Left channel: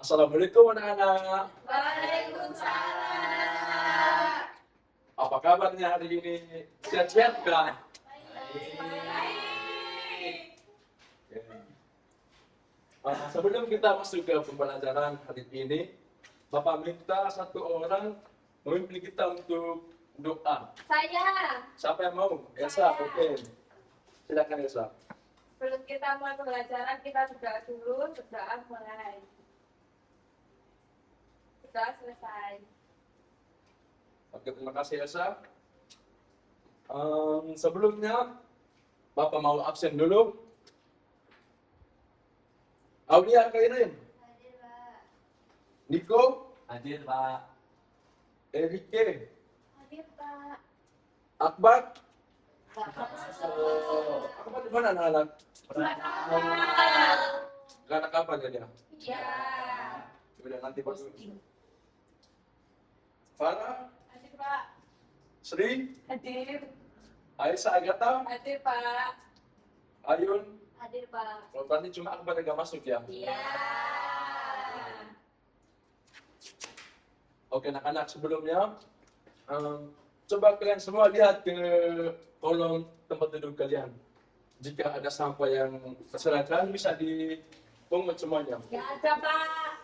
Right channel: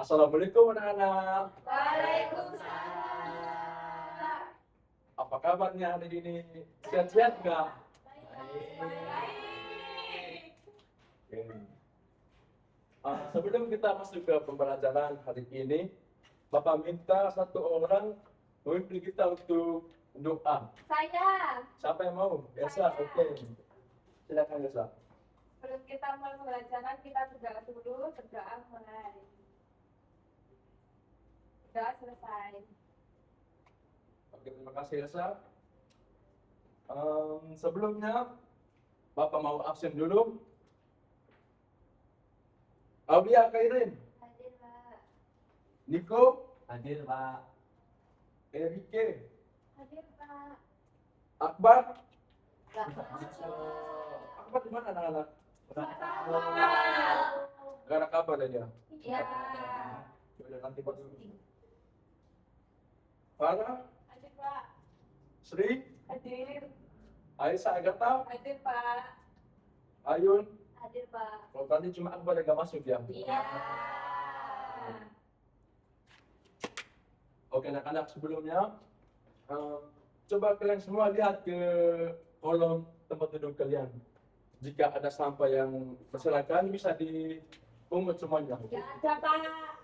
Assalamualaikum anak-anak. Waalaikumsalam. Apa kabarnya hari ini? Sehat-sehat nggak? Sebelum kita masuk ke pembelajaran hari ini, Bapak minta satu orang memimpin kita untuk doa. Saya. Siapa yang mau? Elsa, oke. Silakan Elsa. Sebelum kita mulai pembelajaran, kita berdoa dulu. Berdoa mulai. Berdoa selesai. Oke, terima kasih Elsa. Sebelumnya, Bapak mau absen dulu. Aulia, Kairin. Hadir, Pak. Niko. Hadir, Pak. Erike. Hadir, Pak. Akbar. Bapak. Akbar di mana anak-anak? Gak ada kabar dia. Ya. Udah nanti Pak. Farah. Hadir, Pak. Sri. Hadir. Aisyah Agatha. Hadir, Pak. Ayun. Hadir, Pak. Kalau tadi cuma Akbar yang gak masuk ya. Iya. Oke anak-anak, sebelumnya coba kalian semua lihat ke kolong tempat duduk kalian. Jika ada sampah yang berserakan bisa dipungut semuanya. Gak ada, Pak.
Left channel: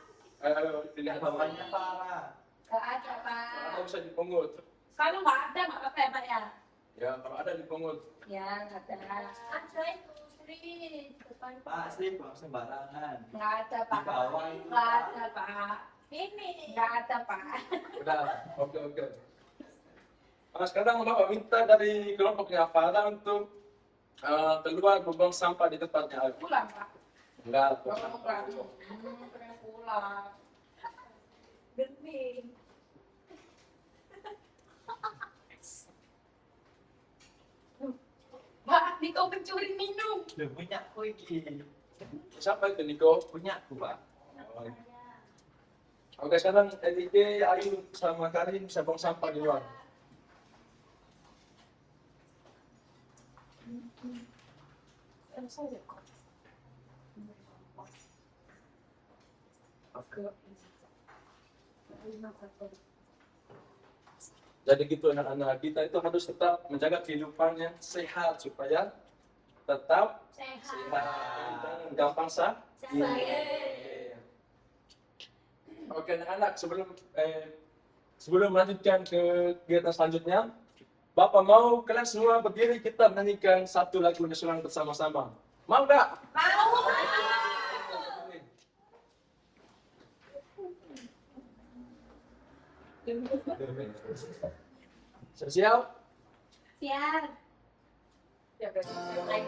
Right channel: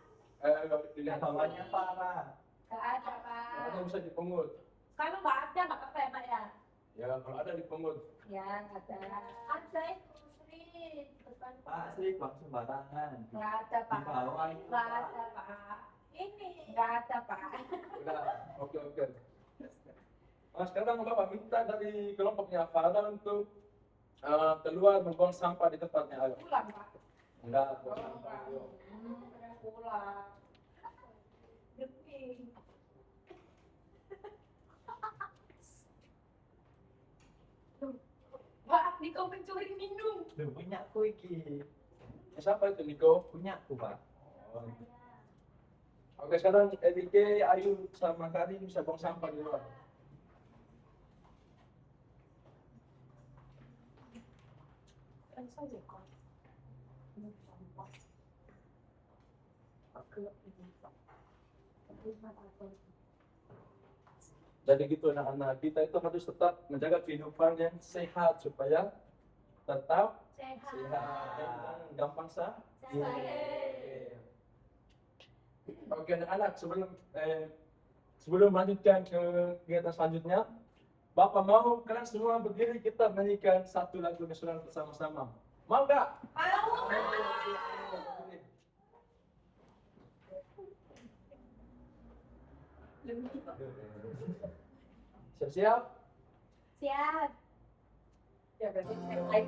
Ayo dilihat Bawahnya, Pak. Gak ada, Pak. kalau ada bisa dipungut. Kalau nggak ada, nggak apa-apa ya, Pak ya? Ya kalau ada dipungut. Ya, nggak ada. Ada itu, Sri. Depan. Pak, Sri, buang sembarangan. Nggak ada, Pak. Di bawah itu, Nggak Pak. ada, Pak. Ini. Nggak ada, Pak. Udah, oke. Nah, sekarang Bapak minta dari kelompoknya Farah untuk keluar membuang sampah di tempatnya. Ayo. Pulang, Pak. Enggak. Pulang. Pengen pulang. Geni. Pak, nih kau pencuri minum. Loh, punyaku iki. Siapa itu Niko? Punyaku, Pak. Oke, sekarang Erike, Ayu sama Karin bisa buang sampah di luar. Jadi gitu anak-anak, kita itu harus tetap menjaga kehidupan yang sehat supaya tetap sehat dan gampang sakit. Oke anak-anak, sebelum melanjutkan ke kegiatan selanjutnya, Bapak mau kalian semua berdiri kita menyanyikan satu lagu nasional bersama-sama. Mau nggak? Mau. Siap? Siap. Ya, berarti siap.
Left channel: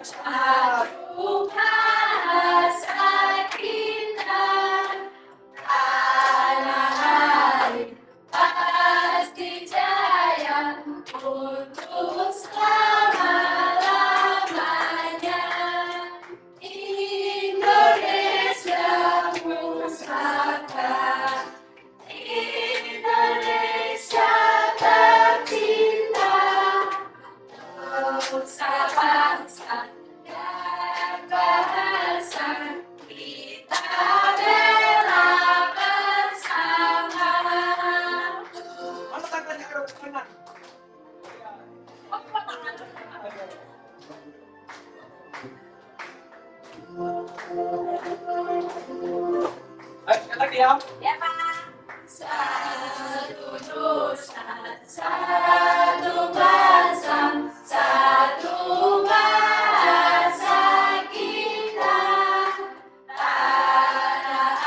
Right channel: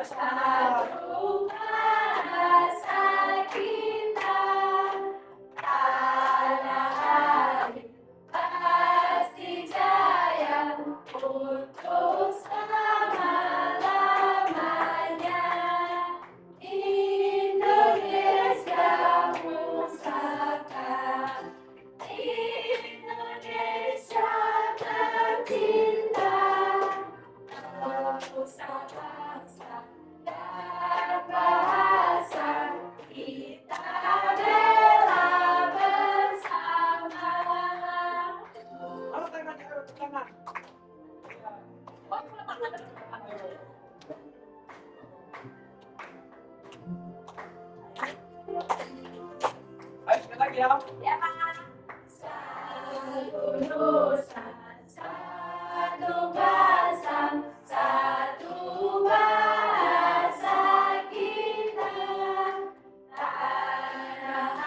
Satu bahasa kita, tanah air pasti jaya untuk selama-lamanya. Indonesia pusaka, Indonesia tercinta, bangsa dan bahasa kita bela bersama. Mana tangannya ke kanan? Ayo sekali lagi ya. Ya, Pak. Satu nusa, satu bangsa, satu bahasa kita, tanah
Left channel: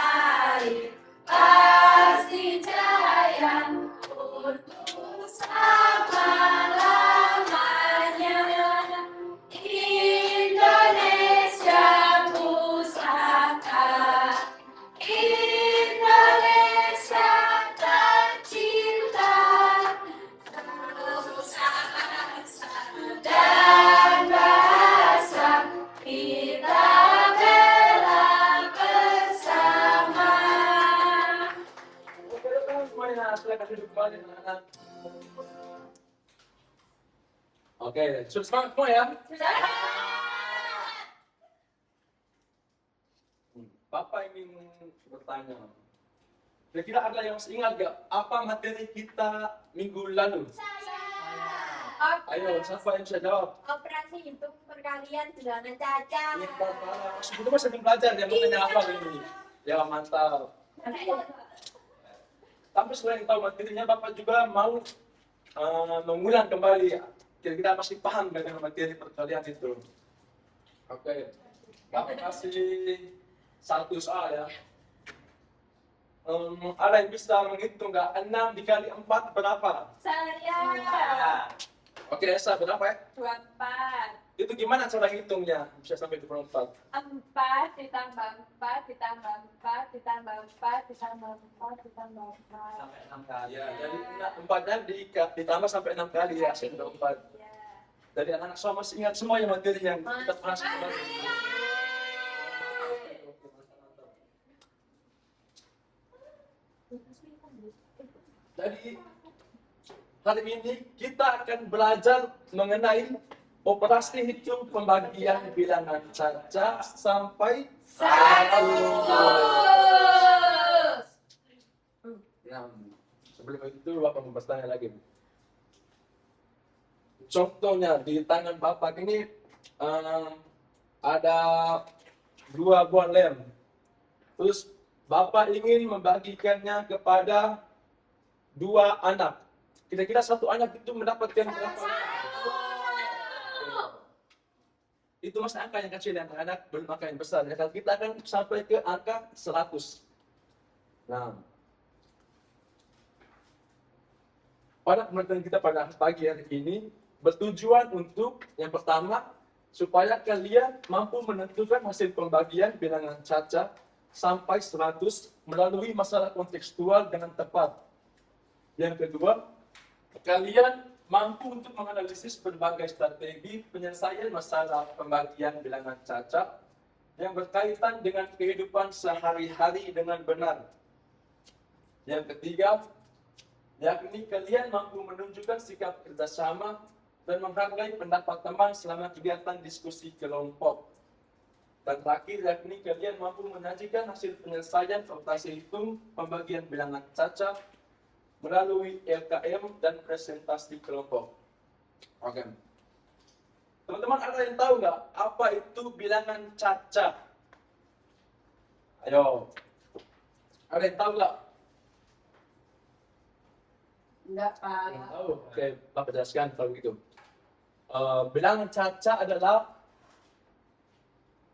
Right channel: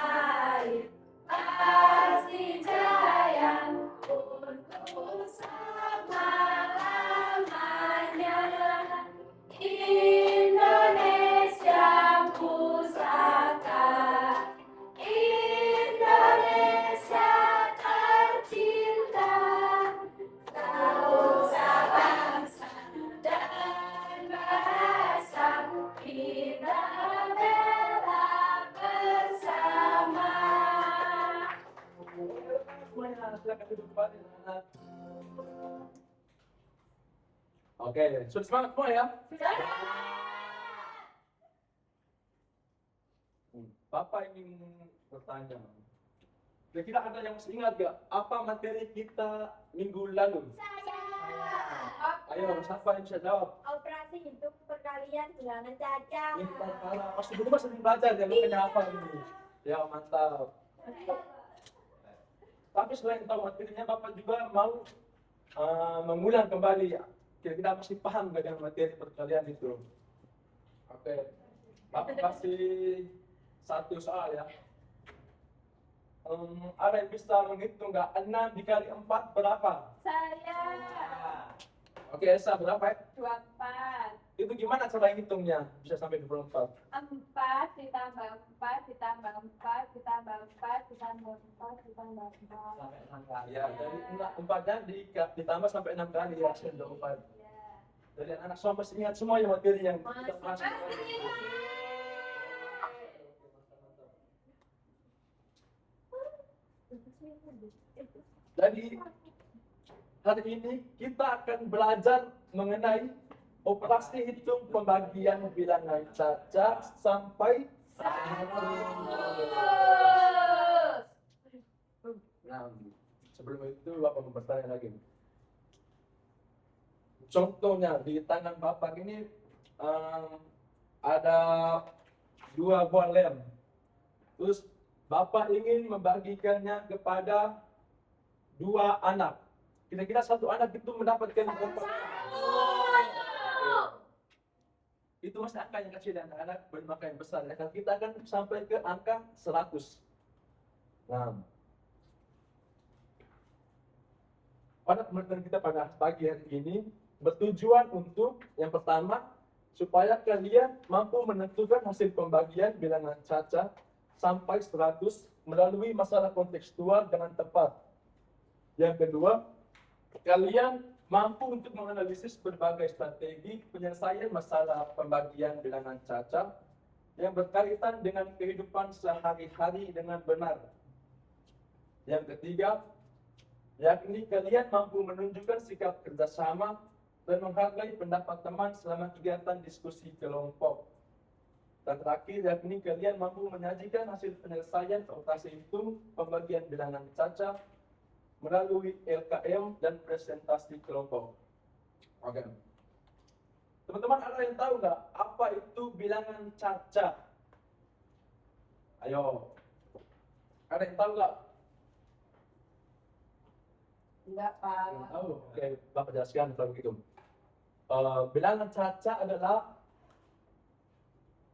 air pasti jaya untuk selama-lamanya. Indonesia pusaka, Indonesia semuanya, silakan duduk kembali anak-anak. Oke, sudah semangat semua ya? Bapak ingin bertanya. Kira-kira ada yang masih ingat gak apa materi kita minggu lalu? Ayo, siapa yang bisa jawab? Operasi hitung perkalian bilangan cacat. Kita para masih belum masih belajar yang bertanya apa ini? Ya mantap. Tapi selain tahu materinya, Bapak juga mau mengulang kembali. Kira-kira masih paham dengan materi perkalian itu? Oke, Bapak kasih satu soal ya. Ada yang bisa menghitung nggak? 6 dikali 4 berapa? Saya. Oke, Esa berapa ya? 24. Itu gimana cara hitungnya? Bisa sampai 24. 4 ditambah 4 ditambah 4 ditambah 4 ditambah 4 ditambah 4. Sampai 6 kali. Ya, jadi 4-nya ditambah sampai 6 kali ya, hasil 24. Ya. Jadi anak-anak semua masih ingat semua yang materi yang kita pernah sebut. Jadi hari ini kita akan belajar mengenai operasi hitung pembagian bilangan caca sampai 100. Nah, sebelum itu Bapak mau bertanya lagi. Contohnya di tangan Bapak ini ada 2 buah lem. Terus Bapak ingin membagikannya kepada 2 anak. Kira-kira satu anak itu mendapatkan berapa? Itu masih angka yang kecil, yang anak belum angka yang besar. Ya, kita akan sampai ke angka 100. Nah, pada pembelajaran kita pada pagi hari ini bertujuan untuk yang pertama supaya kalian mampu menentukan hasil pembagian bilangan caca sampai 100 melalui masalah kontekstual dengan tepat. Yang kedua, kalian mampu untuk menganalisis berbagai strategi penyelesaian masalah pembagian bilangan caca yang berkaitan dengan kehidupan sehari-hari dengan benar. Yang ketiga, yakni kalian mampu menunjukkan sikap kerjasama dan menghargai pendapat teman selama kegiatan diskusi kelompok. Dan terakhir, yakni kalian mampu menyajikan hasil penyelesaian operasi hitung pembagian bilangan caca melalui LKM dan presentasi kelompok. Oke. Teman-teman, ada yang tahu nggak apa itu bilangan caca? Ayo. Ada yang tahu nggak? Enggak, Pak. Yang tahu? Oke, Bapak jelaskan kalau begitu. Bilangan caca adalah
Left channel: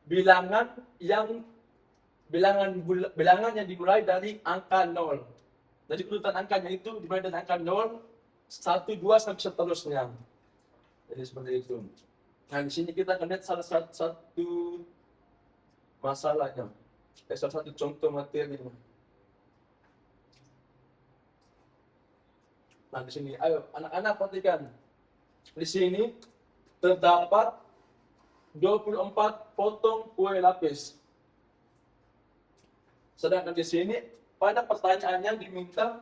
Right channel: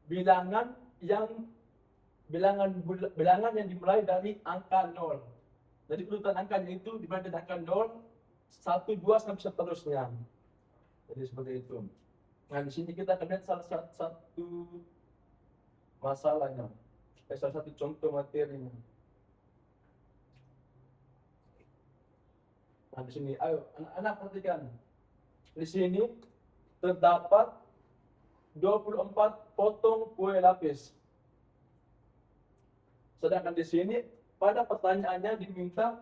bilangan yang dimulai dari angka 0. Jadi urutan angkanya itu dimulai dari angka 0, 1, 2 sampai seterusnya. Jadi seperti itu. Nah, di sini kita akan lihat salah satu masalahnya. Salah satu contoh materinya. Nah, di sini, ayo anak-anak perhatikan. Di sini terdapat 24 potong kue lapis. Sedangkan di sini pada pertanyaannya diminta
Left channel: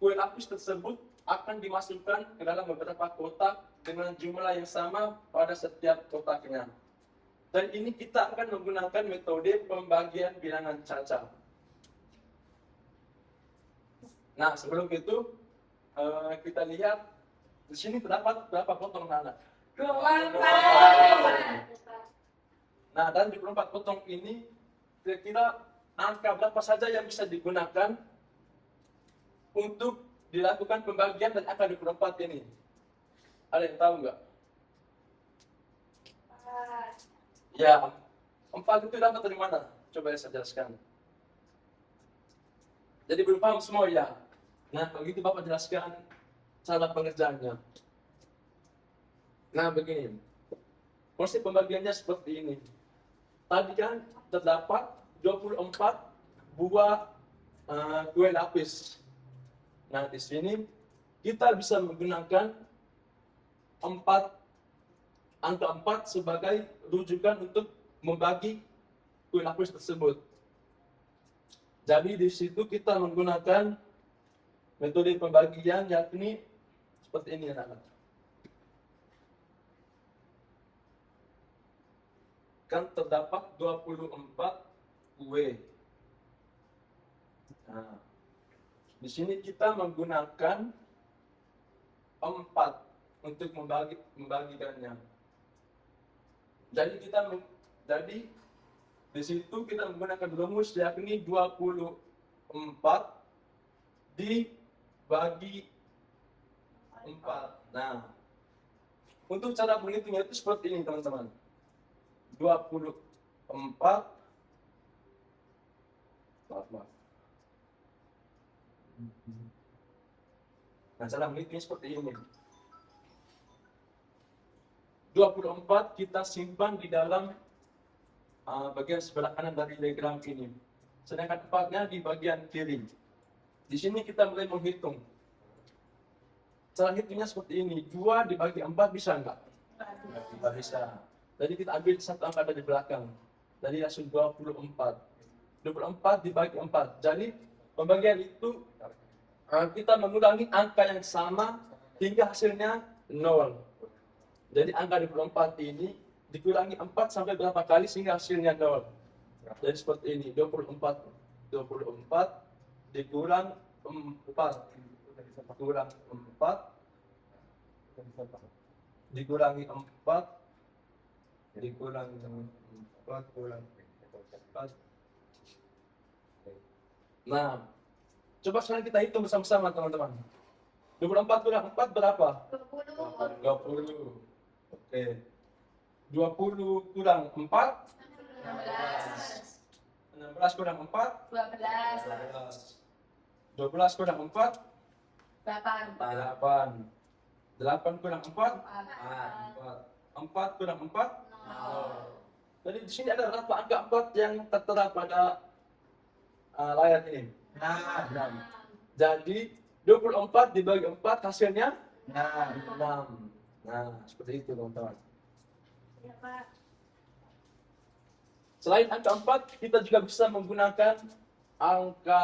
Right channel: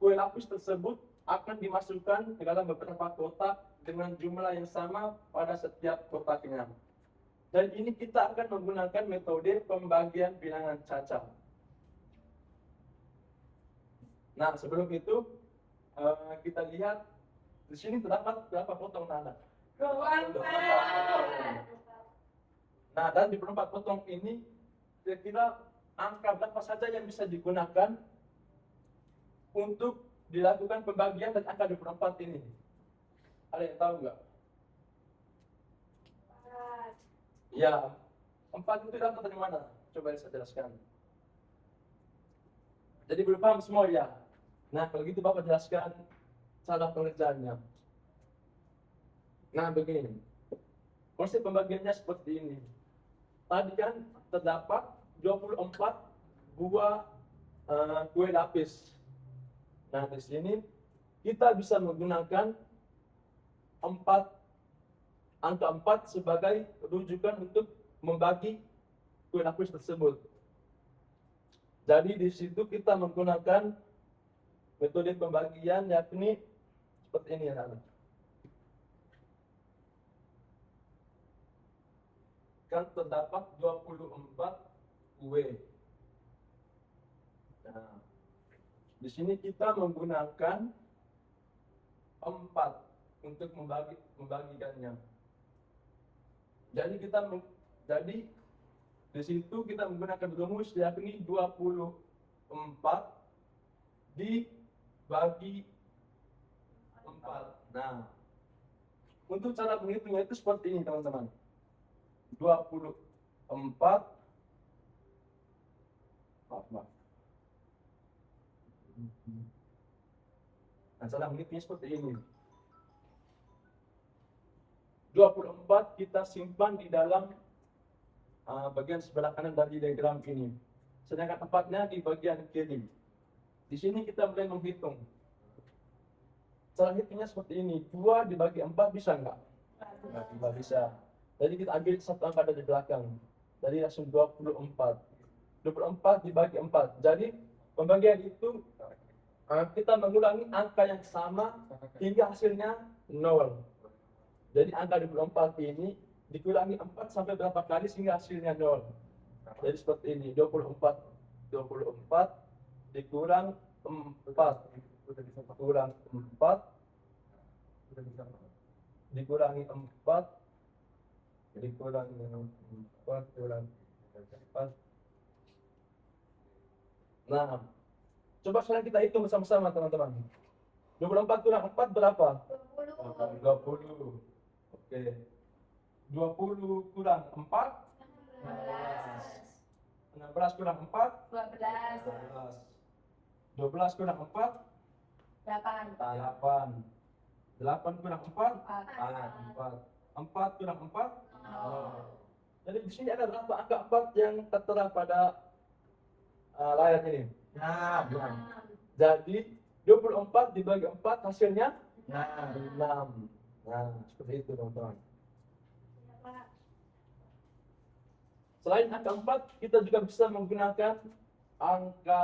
kue lapis tersebut akan dimasukkan ke dalam beberapa kotak dengan jumlah yang sama pada setiap kotaknya. Dan ini kita akan menggunakan metode pembagian bilangan caca. Nah, sebelum itu kita lihat di sini terdapat berapa potong anak? 24. Nah, dan di 24 potong ini kira-kira angka berapa saja yang bisa digunakan untuk dilakukan pembagian dan angka 24 ini? Ada yang tahu nggak? Ya, 4 itu dapat dari mana? Coba saya jelaskan. Jadi belum paham semua ya? Nah, kalau gitu Bapak jelaskan cara pengerjaannya. Nah, begini. Konsep pembagiannya seperti ini. Tadi kan terdapat 24 buah kue lapis. Nah, di sini kita bisa menggunakan angka 4 sebagai rujukan untuk membagi kue lapis tersebut. Jadi di situ kita menggunakan Metode pembagian yakni seperti ini anak-anak. Kan terdapat 24 W. Nah, di sini kita menggunakan 4 untuk membagikannya. Jadi di situ kita menggunakan rumus yakni 24 dibagi 4. Nah, untuk cara menghitungnya itu seperti ini teman-teman. 24 maaf. Nah, cara menghitungnya seperti ini. 24 kita simpan di dalam bagian sebelah kanan dari diagram ini. Sedangkan 4-nya di bagian kiri. Di sini kita mulai menghitung. Cara hitungnya seperti ini. 2 dibagi 4 bisa nggak? Nggak bisa. Jadi kita ambil satu angka dari belakang. Jadi langsung 24. 24 dibagi 4. Jadi pembagian itu kita mengulangi angka yang sama hingga hasilnya 0. Jadi angka 24 ini dikurangi 4 sampai berapa kali sehingga hasilnya 0. Jadi seperti ini, 24 dikurang 4 kurang 4 dikurangi 4 dikurangi 4 kurang 4. Nah, coba sekarang kita hitung bersama-sama teman-teman. 24 kurang 4 berapa? 20. Oke. 20 kurang 4 16 kurang 4 12 kurang 4 8 8 kurang 4 4 kurang 4 Jadi di sini ada berapa angka 4 yang tertera pada layar ini? 6. Jadi 24 dibagi 4 hasilnya 6. Nah, seperti itu teman-teman. Selain angka 4, kita juga bisa menggunakan angka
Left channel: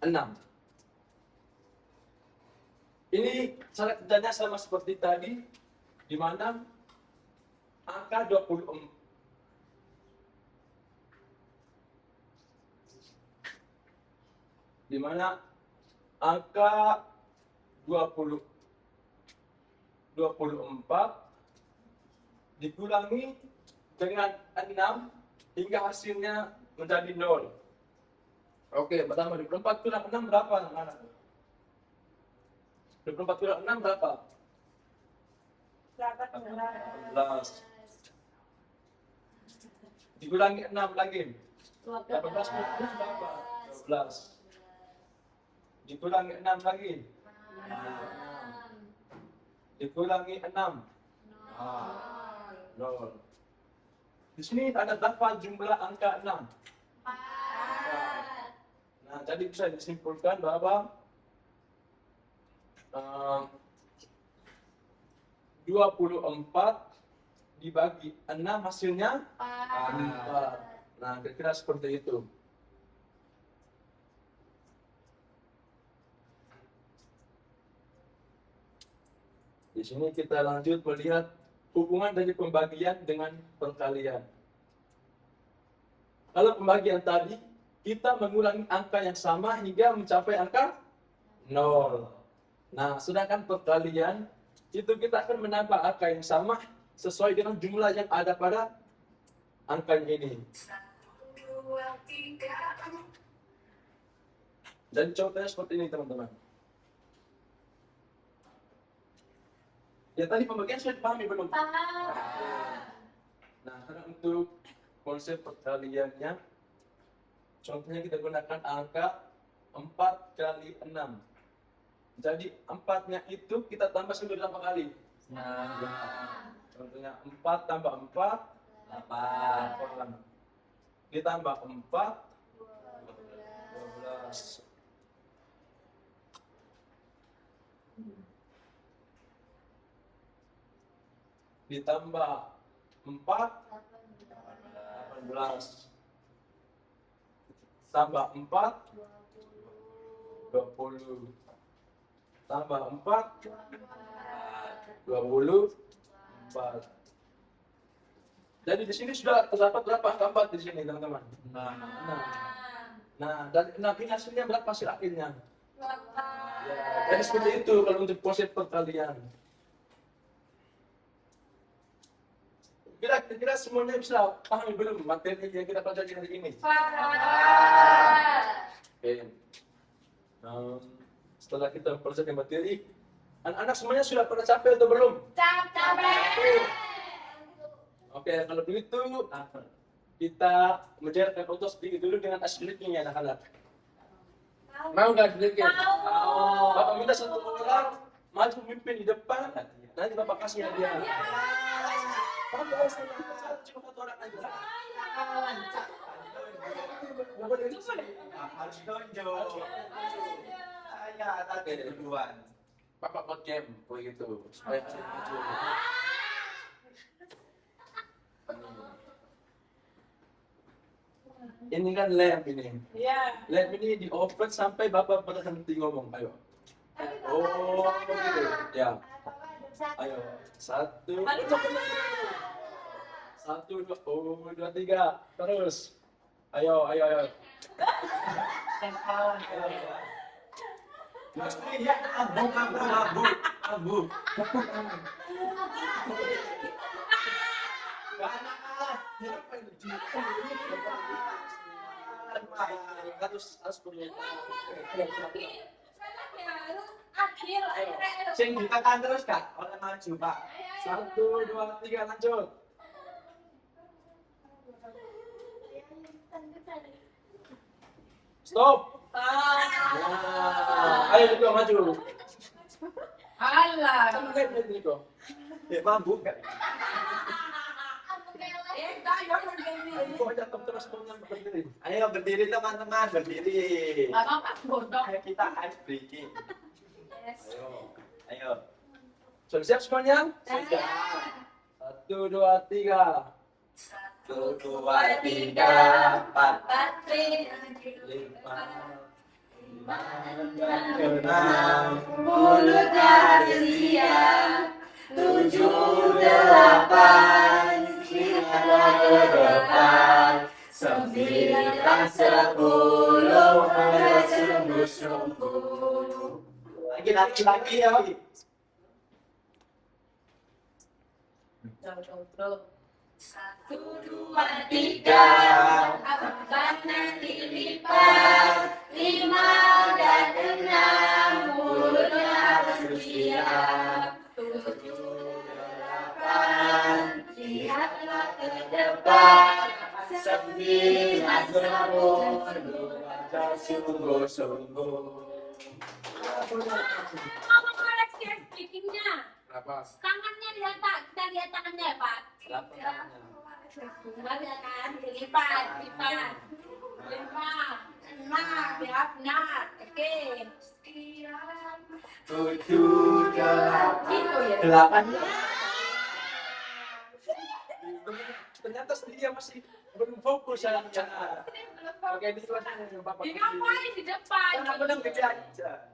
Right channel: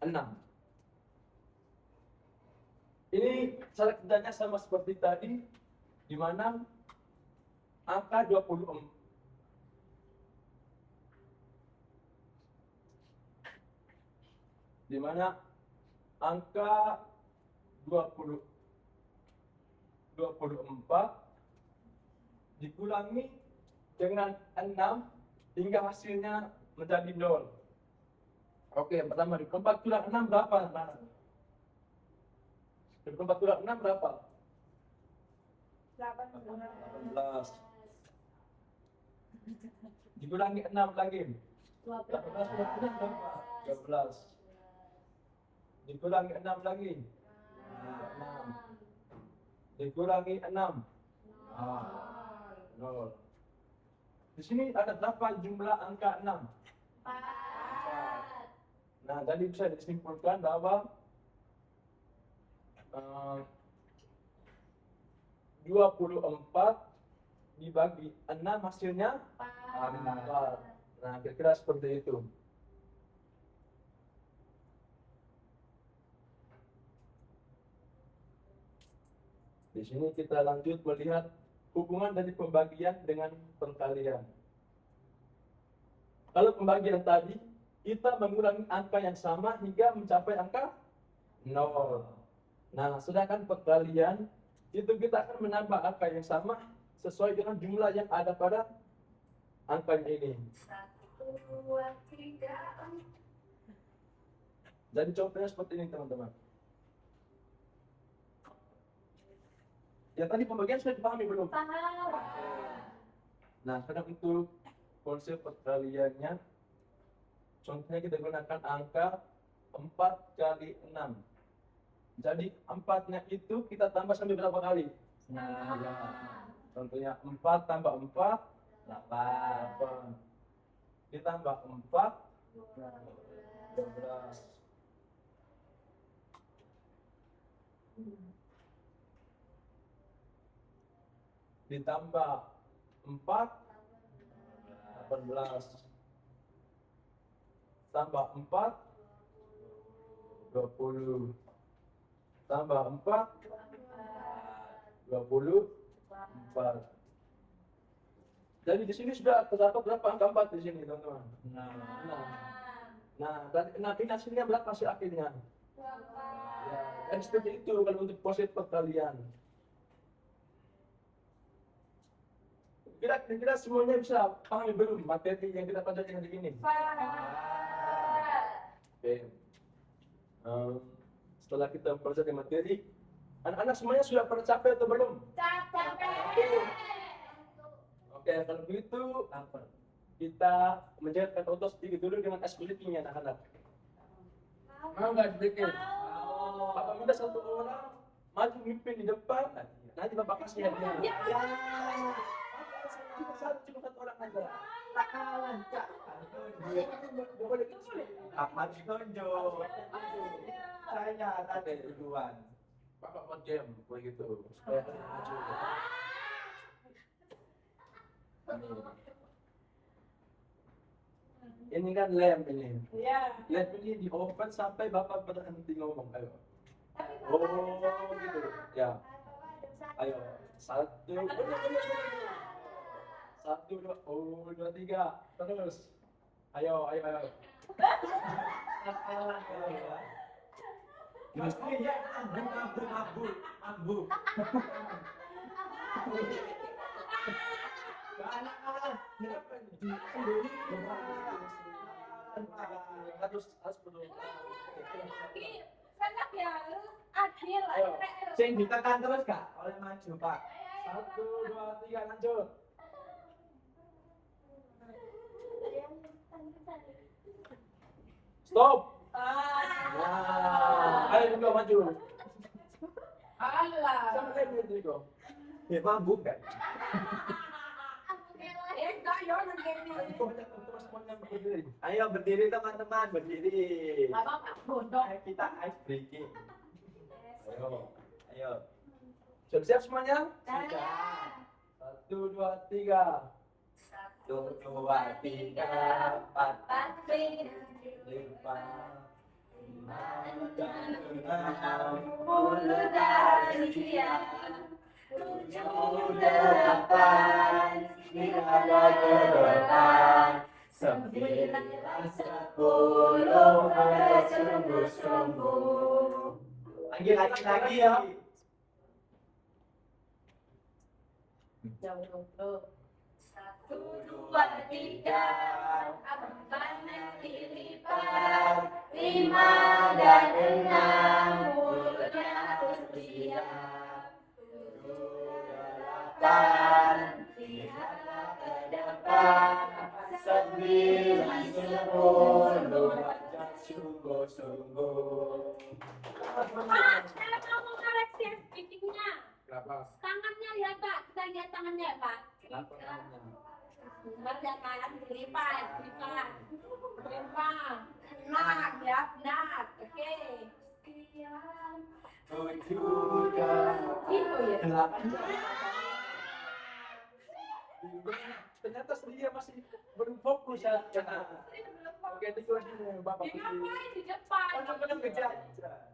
6. Ini cara kerjanya sama seperti tadi, di mana angka 24 di mana angka 24 dikurangi dengan 6 hingga hasilnya menjadi 0. Oke, pertama 24 kurang 6 berapa? 24 kurang 6 berapa? 18. Dikurangi 6 lagi. 18 kurang 6 berapa? 12. Dikurangi 6 lagi. 6. Dikurangi 6. 0. Di sini ada berapa jumlah angka 6? 4. Nah, jadi bisa disimpulkan bahwa 24 dibagi 6 hasilnya 4. Nah, kira-kira seperti itu. Di sini kita lanjut melihat hubungan dari pembagian dengan perkalian. Kalau pembagian tadi, kita mengurangi angka yang sama hingga mencapai angka 0. Nah, sedangkan perkalian, itu kita akan menambah angka yang sama sesuai dengan jumlah yang ada pada angkanya ini. 1, 2, 3, 4. Dan contohnya seperti ini teman-teman. Ya tadi pembagian sudah dipahami belum? Nah, karena untuk konsep perkaliannya, contohnya kita gunakan angka 4 kali 6. Jadi 4-nya itu kita tambah sampai berapa kali? Nah, contohnya 4 tambah 4, 8. Ditambah 4, 12. Ditambah 4, 18. tambah 4, 20. Tambah 4, 24. Jadi di sini sudah terdapat berapa angka 4 di sini, teman-teman? Nah, ini hasilnya berapa hasil akhirnya? Ya, jadi seperti itu kalau untuk konsep perkalian. Kira-kira semuanya bisa pahami belum materi yang kita pelajari hari ini? Oke. Setelah kita mempelajari materi, anak-anak semuanya sudah pernah capek atau belum? Oke, kalau begitu kita mencairkan otot sedikit dulu dengan aslinya anak-anak. Mau nggak sedikit? Bapak minta satu orang maju memimpin di depan, nanti Bapak kasih hadiah. Bapak satu orang aja. Apa ditonjol? Saya tadi duluan. Bapak buat game begitu supaya hasil maju. Ini kan lem ini. Lem ini di oven sampai Bapak berhenti ngomong. Ayo. Oh, gitu. Ya. Ayo. 1, 2, 3. Terus. Ayo. Abu. Sing ditekan terus Kak, oleh maju Pak. 1, 2, 3 lanjut. Stop. Ya. Ayo Niko maju. Sama lihat Niko. Ya mabuk Kak. Niko aja terus semuanya berdiri. Ayo berdiri teman-teman, berdiri. Ayo kita ice breaking. Ayo. Sudah siap semuanya? Sudah. 1, 2, 3. 1, 2, 3, 4, 5, 6, Mulut manusia 7, 8 kita ke depan 9, 10 bersungguh-sungguh. lagi ya. 1, 2, 3 kanan dilipat 5 dan 6 mulutnya harus bersiap 7, 8 lihatlah ke depan 9, 10 Sungguh-sungguh. Saya mau mengoreksi speakingnya. Berapa? Tangannya lihat Pak, kita lihat tangannya ya Pak. Berapa namanya? Benar ya kan? Dilipat. 5, 6 ya benar. Oke. 7, 8, Gitu ya. 8. Ternyata dia masih belum fokus ya. Oke, ini tulisannya Bapak. Ini ngapain di depan? Kan aku udah kerja aja.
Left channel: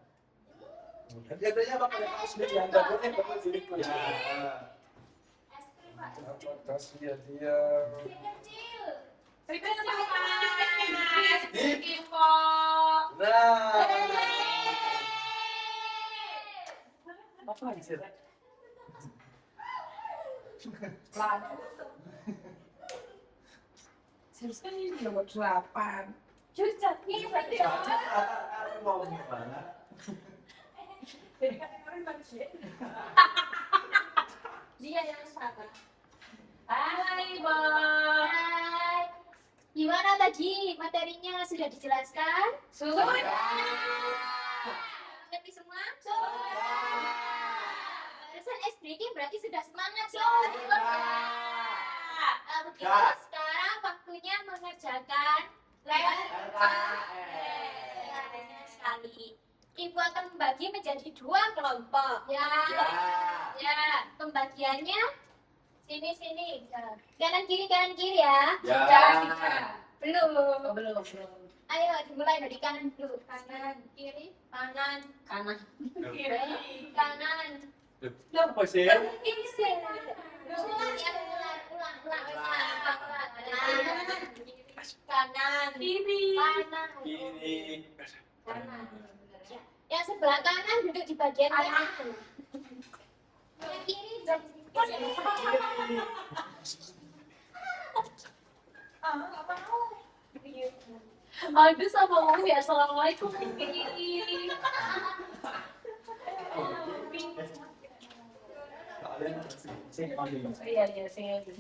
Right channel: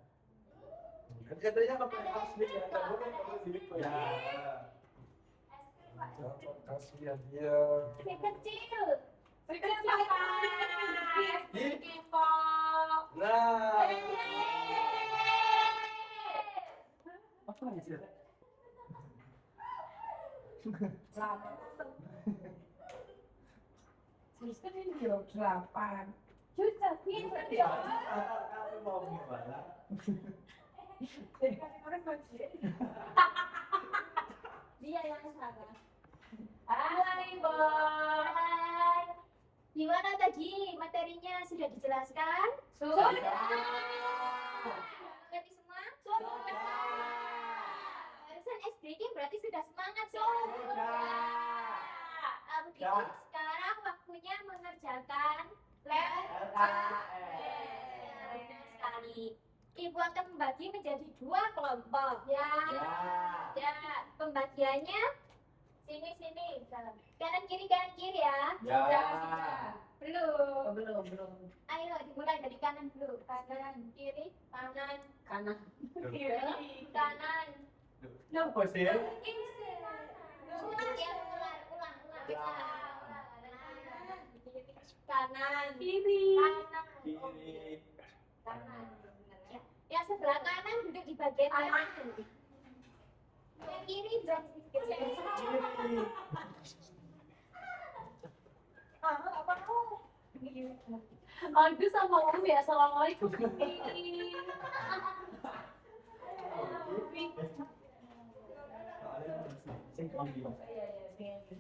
Katanya Bapak yang harus dia enggak boleh Bapak diri Ya. Kasih ya dia. Si kecil Kecil Pak. Sedikit kok. Nah. Apa lagi sih? Susah 8 Susah nih berarti. Aku mau gimana? Jadi kan kemarin bagus. Dia yang salah. Hai, Bang. Hai. Gimana tadi materinya sudah dijelaskan? Sudah. Ngerti semua? Sudah. Barusan ice breaking berarti sudah semangat dong. Nah, begitu sekarang waktunya mengerjakan Benar sekali. Ibu akan membagi menjadi 2 kelompok. Ya. Pembagiannya sini. Kanan kiri ya. Ya. Belum. Belum. Ayo dimulai dari kanan dulu. Kanan, kiri, kanan, kanan, kiri, kanan. Apa sih? Ini sih. Ulang ya, ulang. Kanan, Kiri. Kiri. kanan. Ya. Yang sebelah kanan duduk di bagian kanan. Yang kiri duduk di bagian kanan. Aduh sama Umi, assalamualaikum. Iya, sing aja.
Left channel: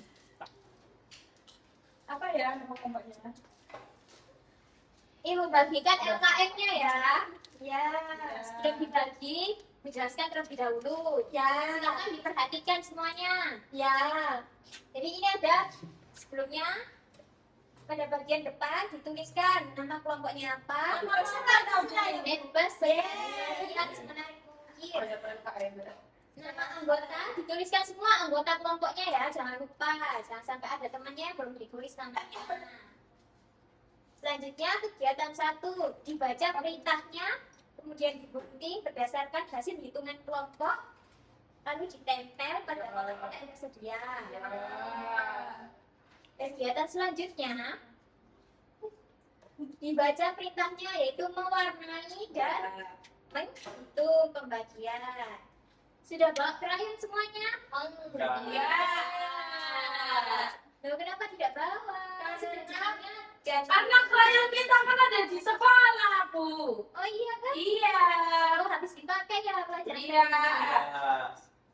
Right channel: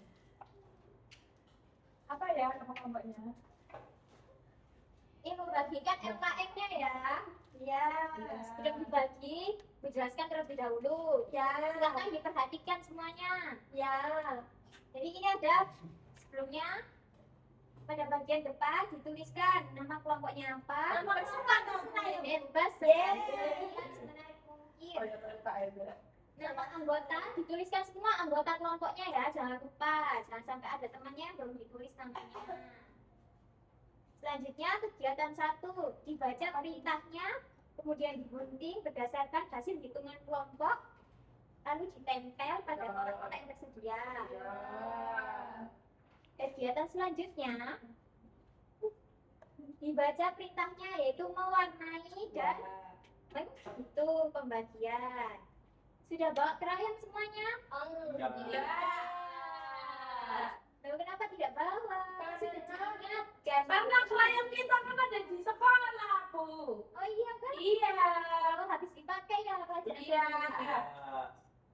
Apa ya nama kelompoknya? Ini membagikan LKM-nya ya. Ya. Sebelum dibagi, dijelaskan terlebih dahulu. Ya. Silakan diperhatikan semuanya. Ya. Jadi ini ada sebelumnya pada bagian depan dituliskan nama kelompoknya apa. Bebas ya. Lihat semenarik mungkin. Nama anggota dituliskan semua anggota kelompoknya ya, jangan lupa, jangan sampai ada temannya yang belum ditulis namanya. Selanjutnya kegiatan 1 dibaca perintahnya, kemudian digunting berdasarkan hasil hitungan kelompok, lalu ditempel pada kotak-kotak yang tersedia. Kegiatan selanjutnya dibaca perintahnya yaitu mewarnai dan menghitung pembagian. Sudah bawa krayon semuanya? Ya. Loh, kenapa tidak bawa? Sudah diingatkan. Karena klien kita kan ada di sekolah, Bu. Oh iya kan? Iya. Oh, habis dipakai ya pelajaran. Iya.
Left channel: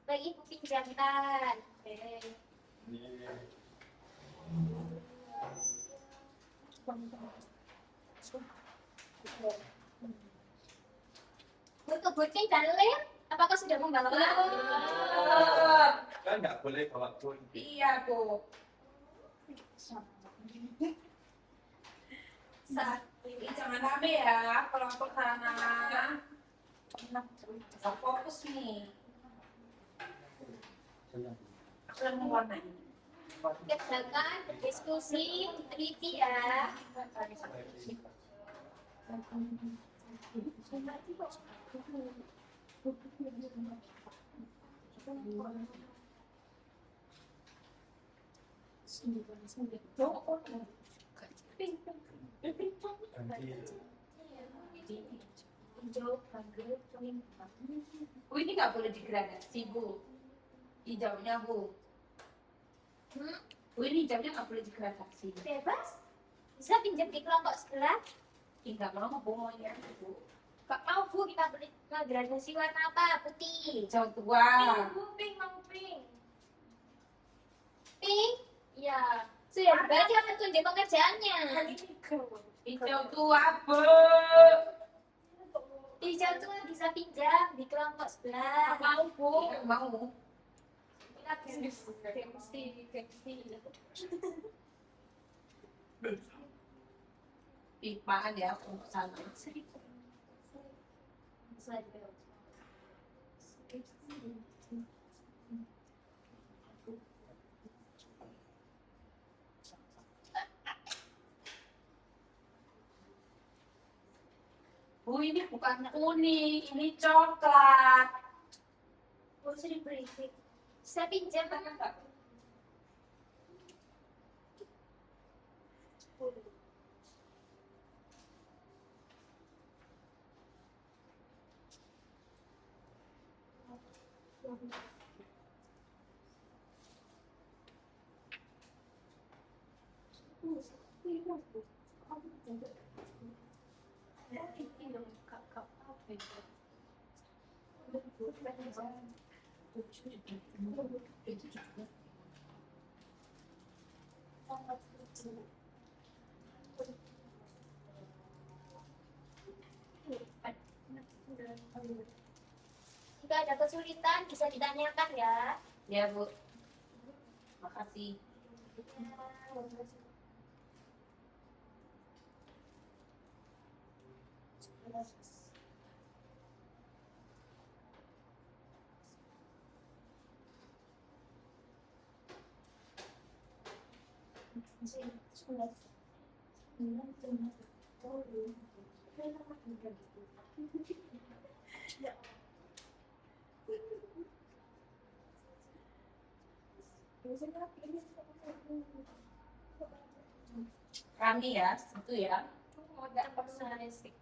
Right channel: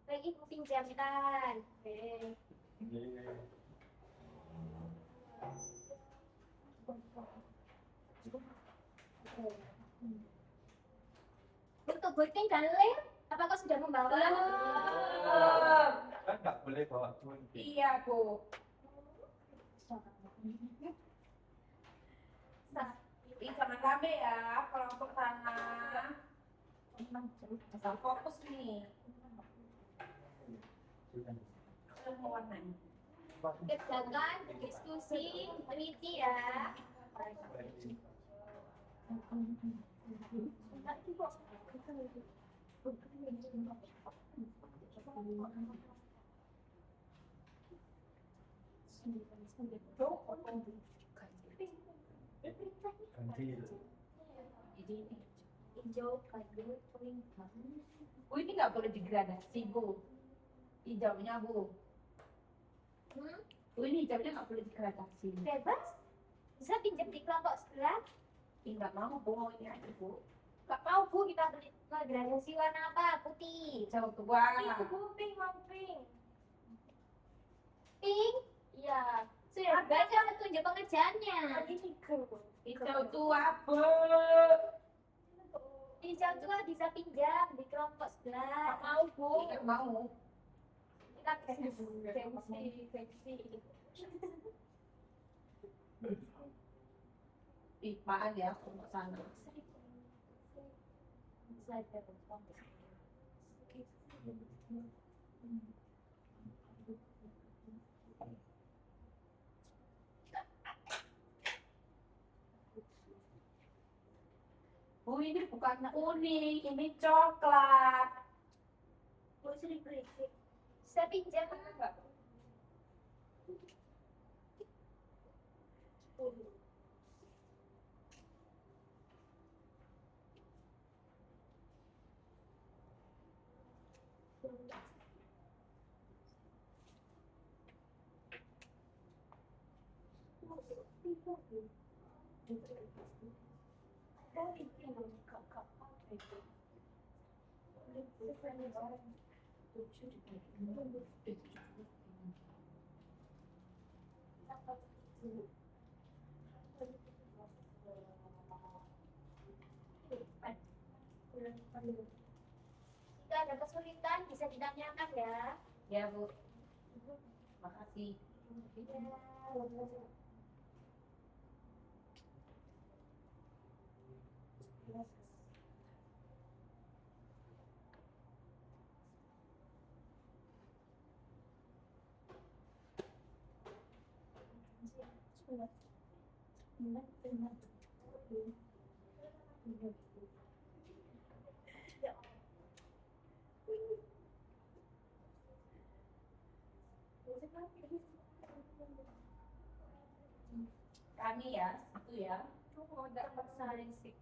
Lagi ibu pinjamkan. Oke. Untuk gunting dan lem, apakah sudah membawa? Kan nggak boleh bawa gunting. Iya, Bu. Saat ini jangan rame ya, kelompok sana. Fokus nih. Aku yang mewarnai. Kerjakan, berdiskusi, teliti ya. Hijau, biru, kuning, Bu, ini nggak boleh digradasi, Bu. Hijaunya, Bu. Bu, ini hijaunya nggak boleh digradasi. bebas. Bisa pinjam di kelompok sebelah. Nggak mau, Bu, maunya aja, Bu. Gak mau Bu, kita beli gradasi warna apa? Putih. Hijau tua. Pink, mau pink. Pink? Iya. Sudah dibaca petunjuk pengerjaannya. Hijau tua, Bu. Hijau tua bisa pinjam di kelompok sebelah. Mau, Bu. Nggak mau. Kita gengsi. Makan ya, aku ke sana. Bu, ini bukan kuning, ini coklat. Oh, sudah berisik. Bisa pinjam apa? Jika ada kesulitan bisa ditanyakan ya. Ya, Bu. Makasih. Rame ya, itu ya. Agak personalistik.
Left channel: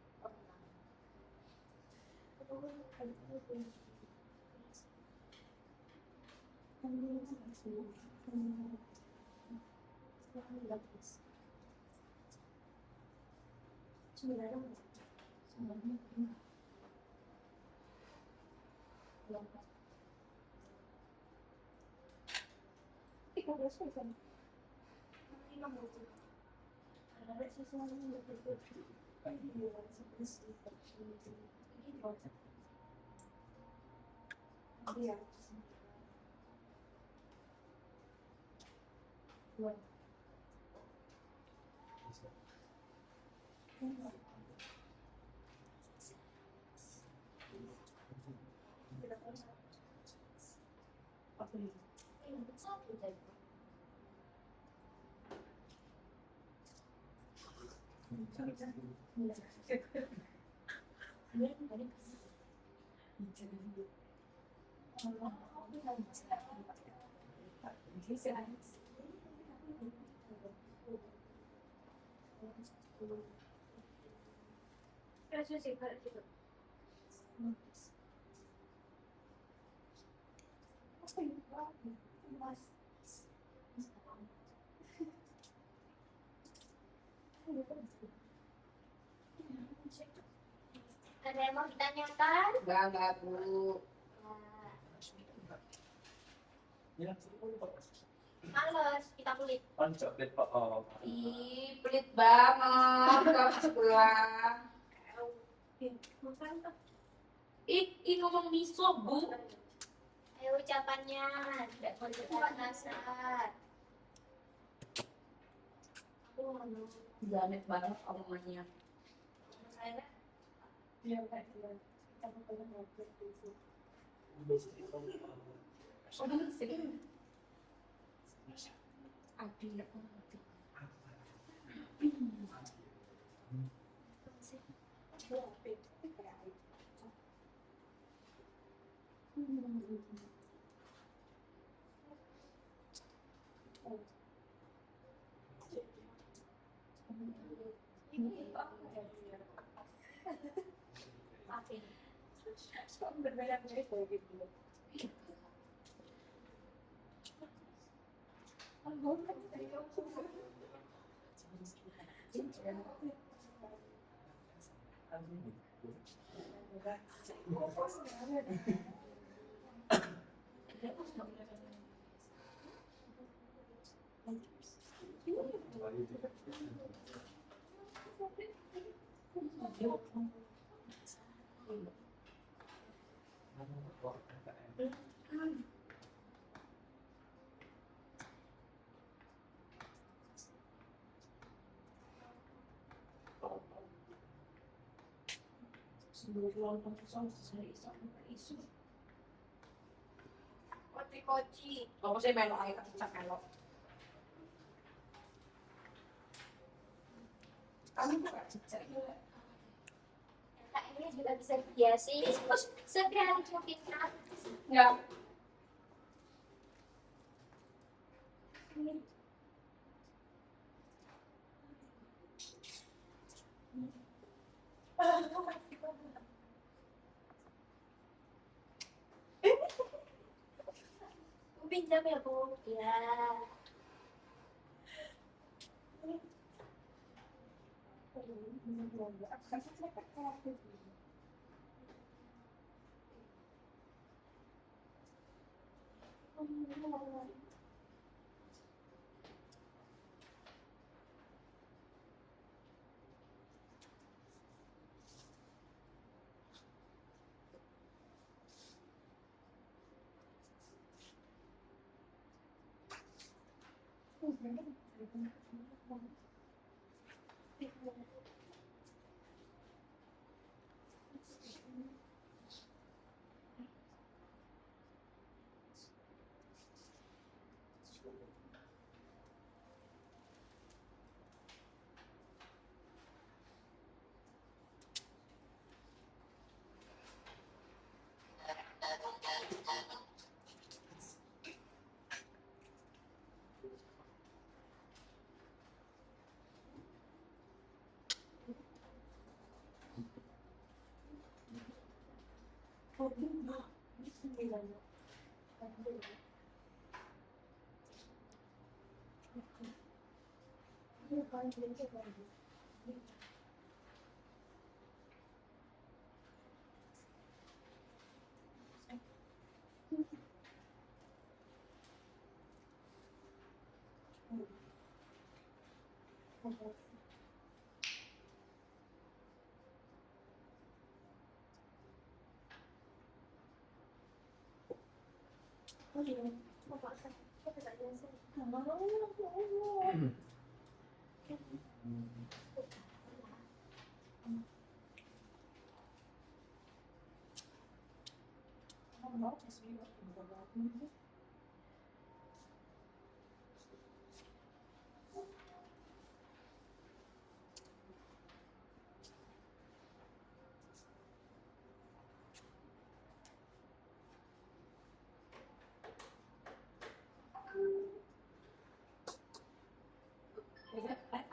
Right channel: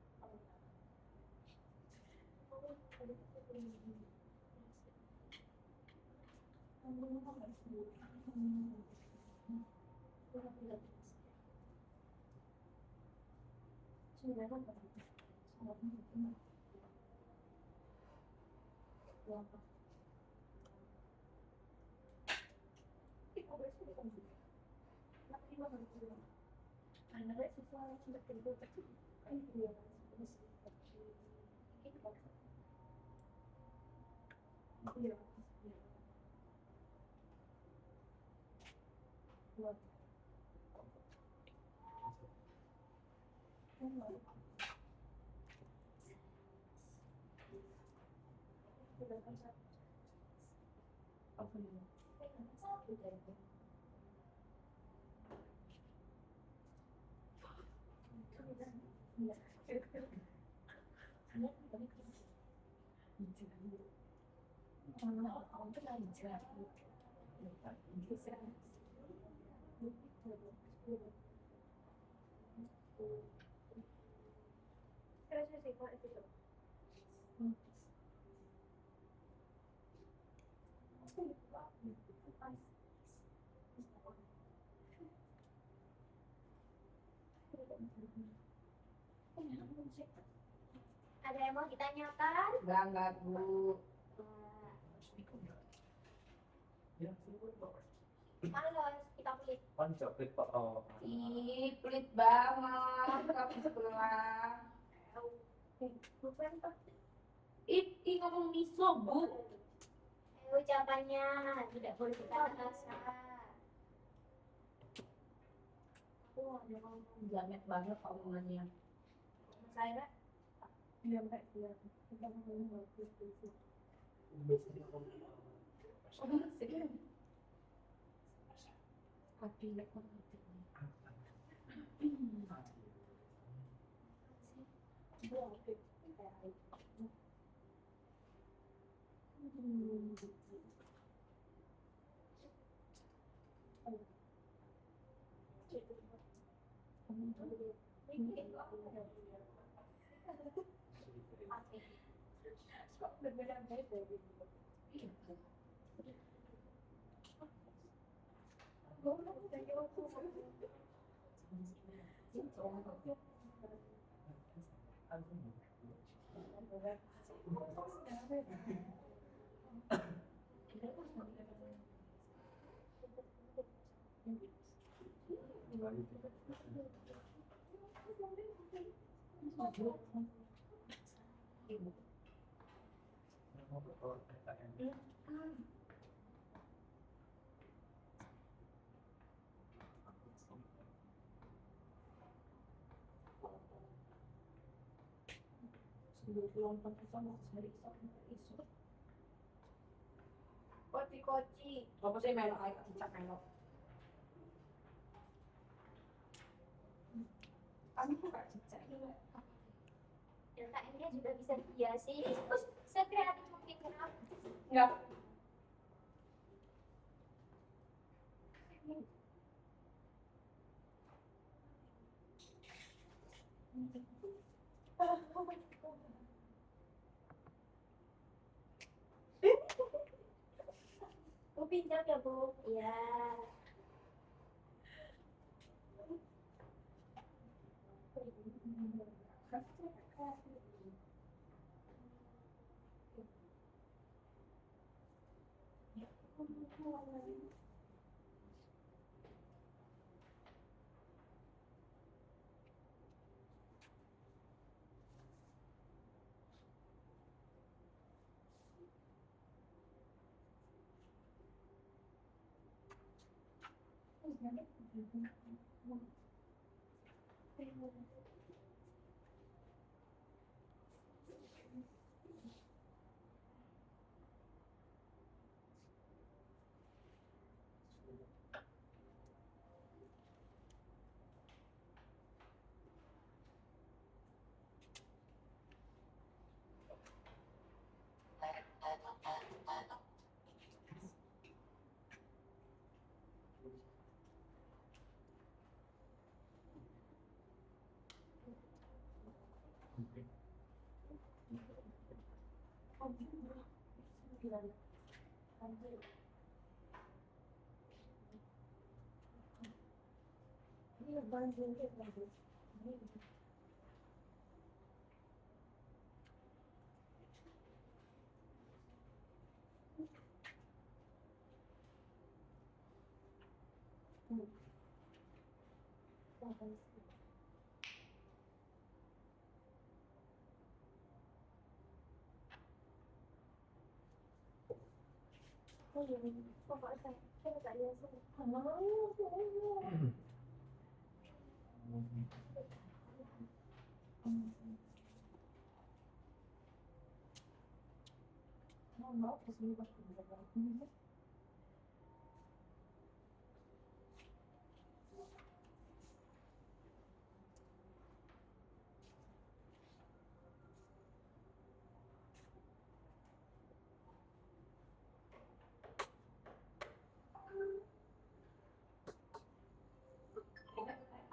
Ada yang mau ditanyakan? Enggak, Bu. Ya, Males, kita kulit. coklat Pak. Ih, pelit banget kamu sebelah. Ih, ngomong miso, Bu. Ayo ucapannya, tidak boleh ketawa kasar. Jamet banget omongannya. Saya Abi, aku ngerti. koci-koci. Kamu sih melok aja kecap melok. Kamu buka cicak juga. Yang ini juga bisa dihiasi. Terus sekali mungkin Enggak. Bu pinjam ya Bu. Ya.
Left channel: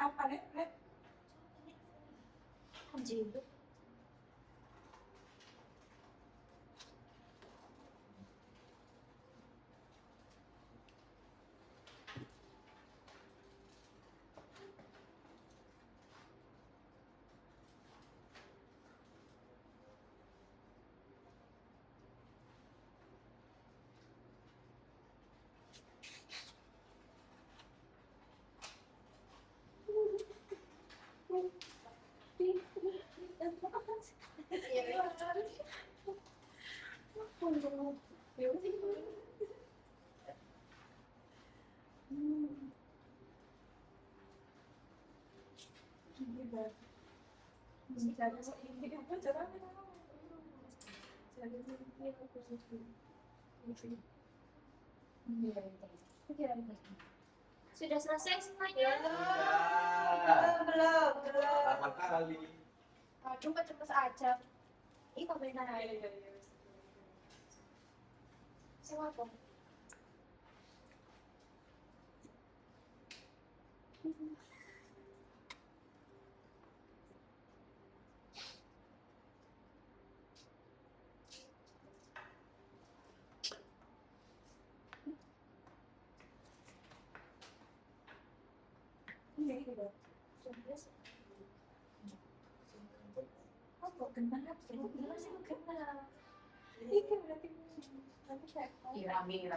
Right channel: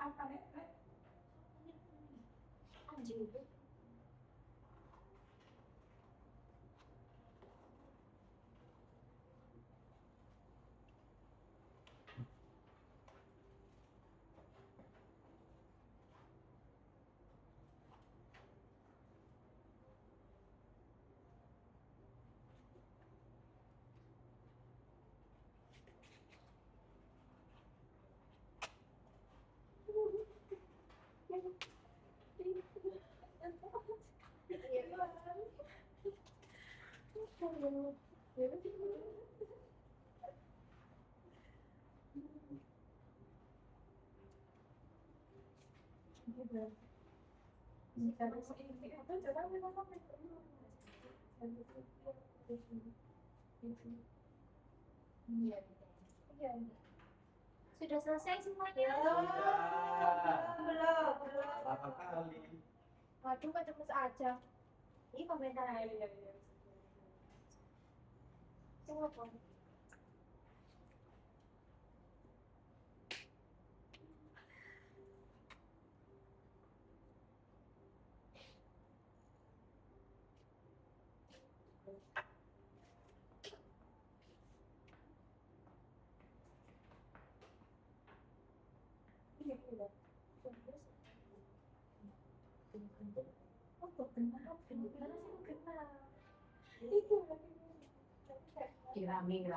Apa nih? Anjing. Sudah selesai semuanya? Belum. 8 kali. Aduh, kok cepet aja. Ini komentar aja. Semua kok.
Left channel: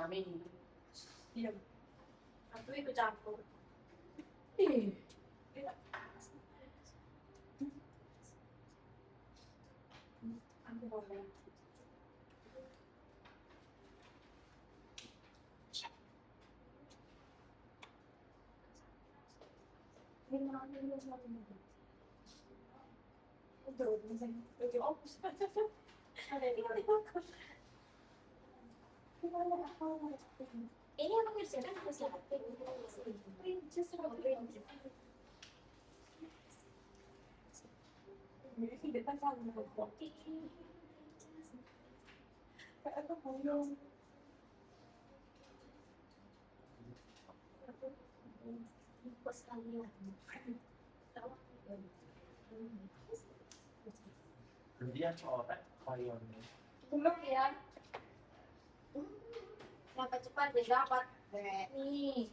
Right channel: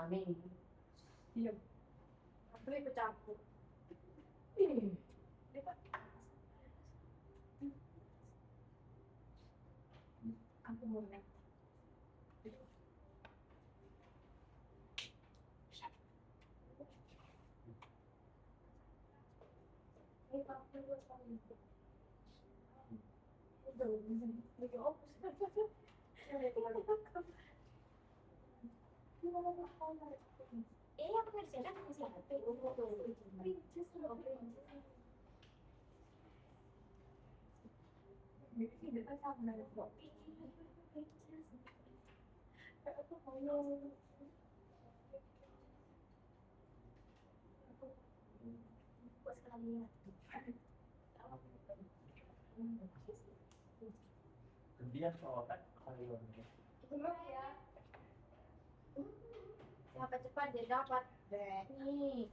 Rame. Iya. Aku itu campur. Aku boleh. Ini aku ngerjakan apa sih? Di depan sana. Aku mau. Pas lagi Dia coret payungnya. Belum ya. Lambat cepat didapat. Nih.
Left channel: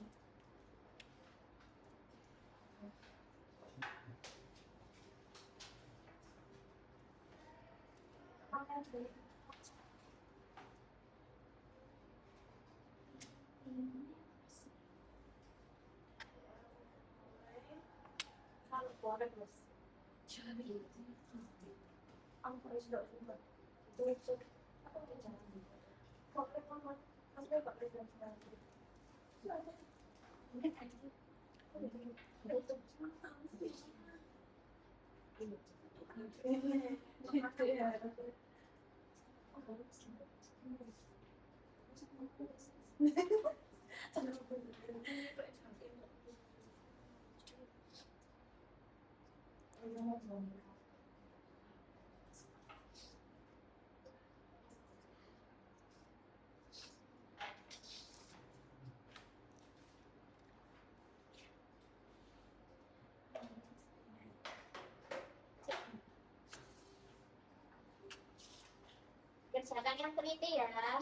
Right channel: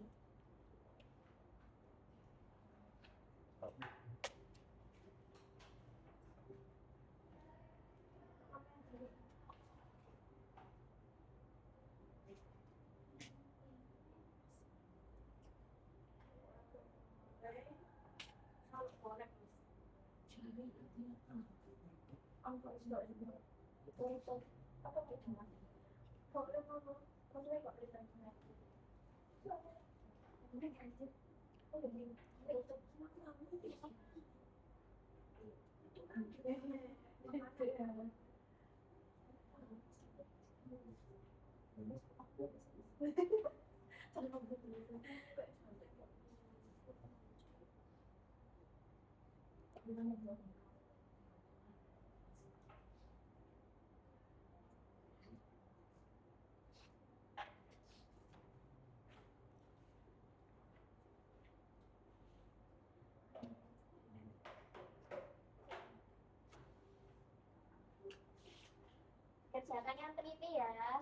mengerjakan yang teliti ya.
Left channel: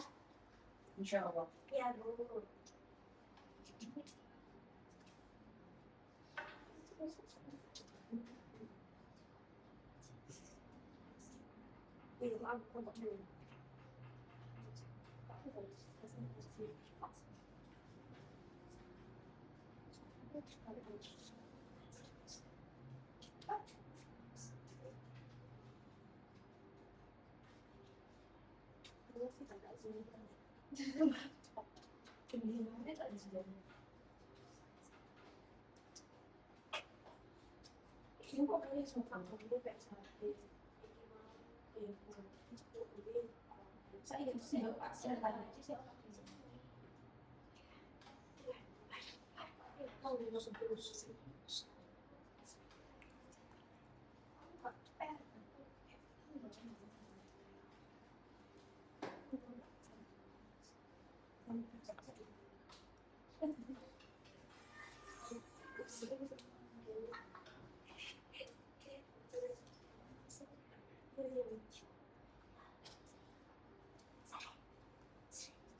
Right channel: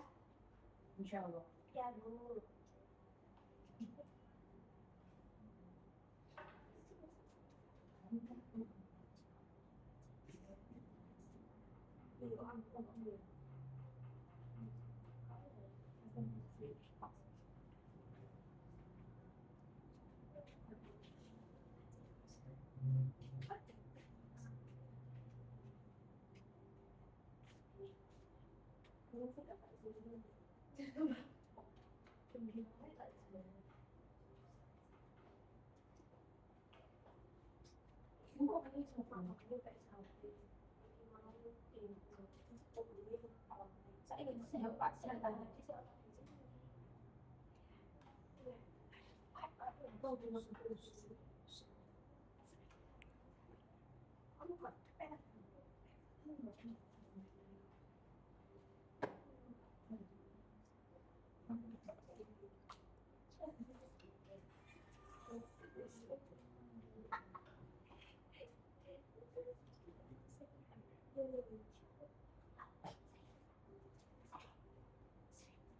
Insya Allah. Ya, Bu.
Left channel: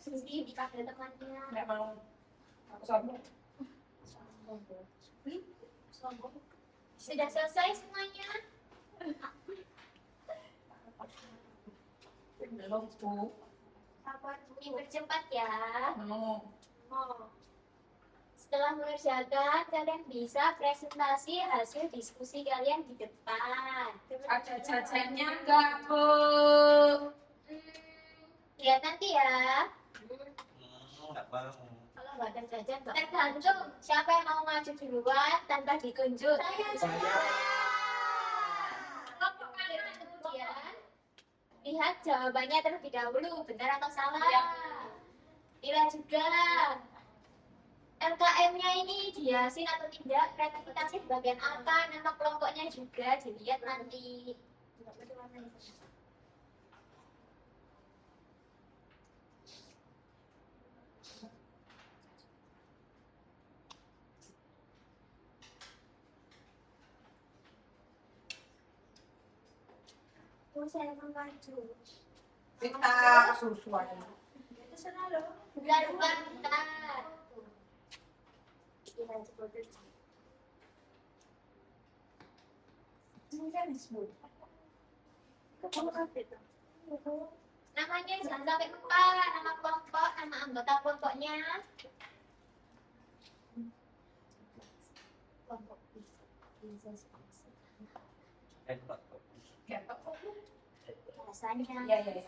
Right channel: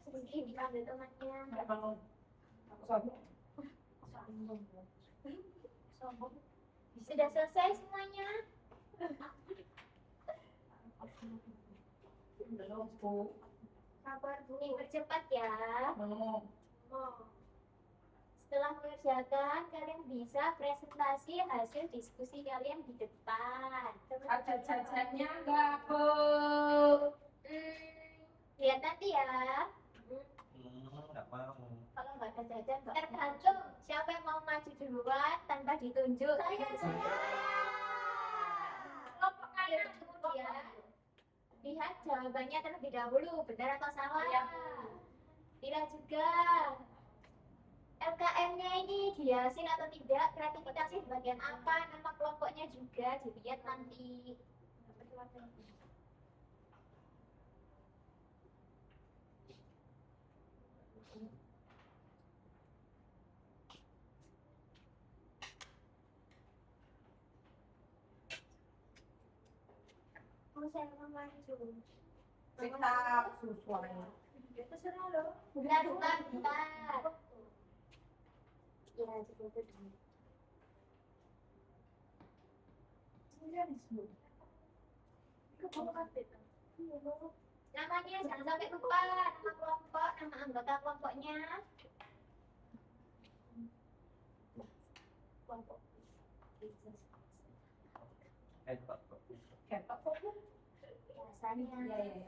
Sedih dipanggil temannya. Nggak mau. Aku sombong. Sombong. Sudah selesai semuanya? Belum, Bu. Sabar, Bu. Dipercepat ya. Mau. Setelah mengerjakan, kalian bisa presentasi hasil diskusi kalian di depan. Ada jajannya nggak, Bu? Lihat nanti ya. Nggak mau. Kalau nggak ada jajan, tergantung siapa yang mau maju duluan tanpa ditunjuk. Kemudian lihat jawabannya terlebih dahulu, benar atau salah. Ya. Lihat juga LKM-nya ini dihasilkan atau tidak, kreativitasnya di bagian apa, nama kelompoknya juga dilihat nanti. Saya mau maju. Kita sesuai. Bentar. Kira coba dulu. Namanya jangan sampai lupa, nama kelompok, nama anggota kelompoknya. Kelompok Ketok kok, Bu? biasanya. Iya.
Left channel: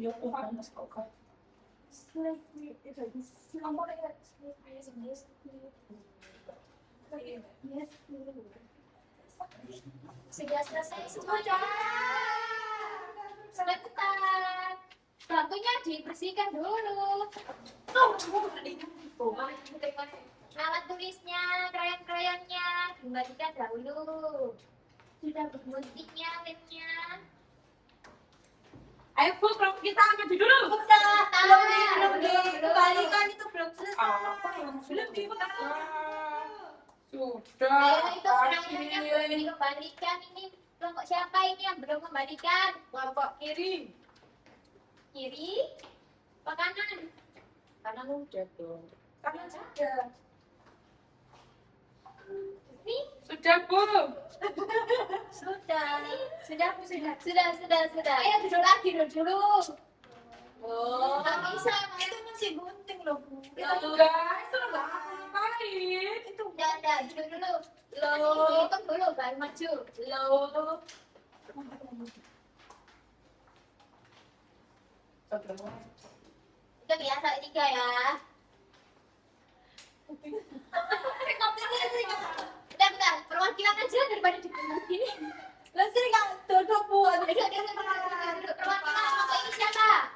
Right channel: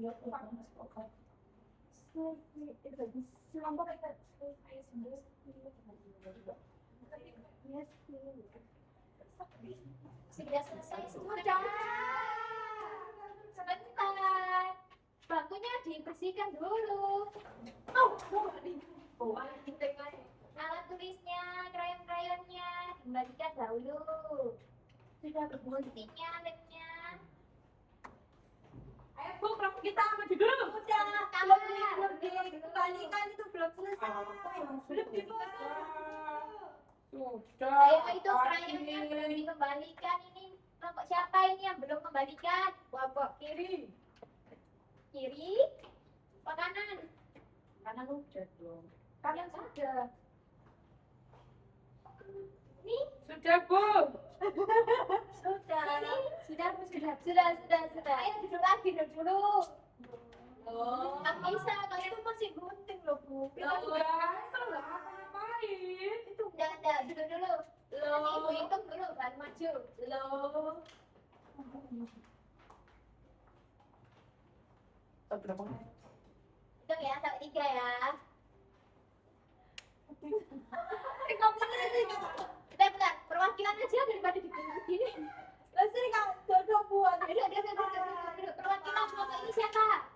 Ya, Tuhan, mas kau kan. Sudah selesai semuanya. Sebentar. Bangkunya dibersihkan dulu. Alat tulisnya, krayon-krayonnya dibagikan dahulu. Sudah berguntingnya, lemnya. Ayo, Bu, kelompok kita maju dulu. Udah, belum dikembalikan, itu belum selesai. Apa yang belum dikembalikan? Sudah. Ayo itu krayonnya belum dikembalikan. Ini kelompok siapa ini yang belum kembalikan? Kelompok kiri. Kiri, apa kanan? Karena lu udah dong. Kanan sudah. Ini Sudah, Bu. sudah. Sudah. Ayo duduk lagi dulu. Oh, nggak bisa. Itu masih gunting loh, Bu. Kita juga salah ngapain? Itu enggak, duduk dulu. Hitung dulu, baru maju. Hitung ya, sampai 3 ya. Bentar, perwakilan aja daripada dibentuk gini. Lah sih nggak dodok, Bu. Duduk. Perwakilan kelompok ini siapa?